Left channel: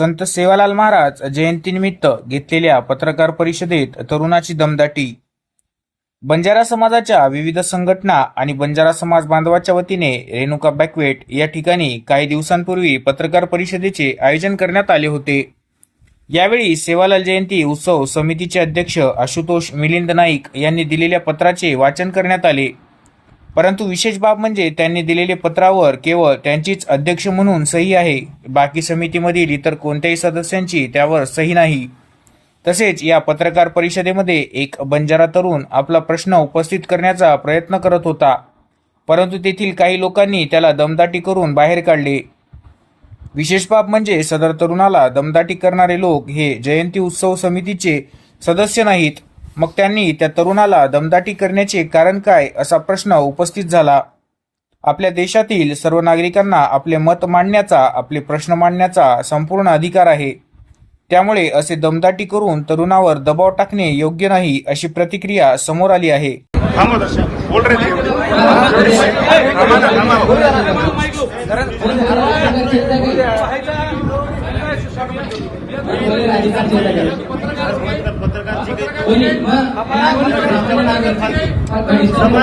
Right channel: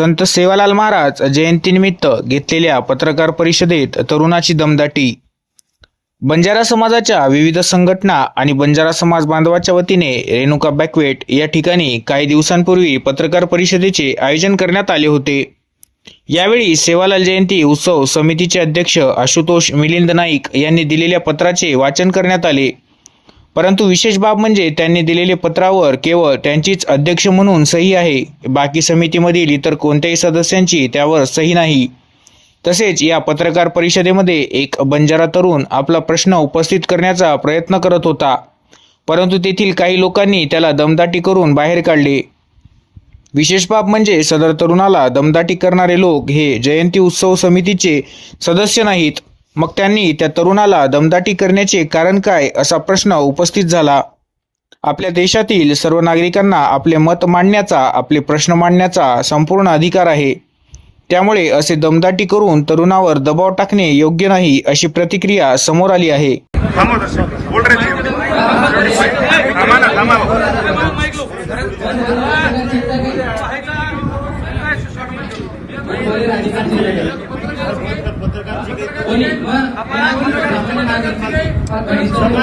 संत सेवालाल महाराज जयंतीनिमित्त घेतलेल्या पत्रकार परिषदेत तरुणाची दमदाटी। बंजारा समाजाच्या विविध संघटना आणि बंजारा समाज बांधवाच्या वतीने रेणुका बँक्वेट या ठिकाणी काही दिवसांपूर्वी पत्रकार परिषदेचे आयोजन करण्यात आले होते। यावेळी सेवालाल जयंती उत्सव समितीचे अध्यक्ष आशुतोष मिलिंद नाईक यांनी दिलेल्या पत्राचे वाचन करण्यात आले। परंतु विशेष बाब म्हणजे त्यांनी दिलेल्या पत्रावर केवळ त्यांचीच अध्यक्ष म्हणून सही आहे, बाकी समितीमधील इतर कोणत्याही सदस्यांची त्यावर सही नाही। तसेच या पत्रकार परिषदेमध्ये एक बंजारा तरुण आपला प्रश्न उपस्थित करण्याचा प्रयत्न करत होता, परंतु तेथील काही लोकांनी त्याला दमदाटी करून बाहेर काढले। विशेष बाब म्हणजे सदर तरुणाला दमदाटी करणारे लोक हे जयंती उत्सव समितीचे सदस्य नाहीत। मग त्यांनी त्या तरुणाला दमदाटी करण्याचे कारण काय, असा प्रश्न उपस्थित झाला। आपल्या देशातील सर्व नागरिकांना आपले मत मांडण्याचा, आपले प्रश्न मांडण्याचा संपूर्ण अधिकार आहे। त्यामुळे असे दमदाटी करून तरुणावर दबाव टाकणे योग्य नाही, अशी प्रतिक्रिया समोर आली आहे। समाज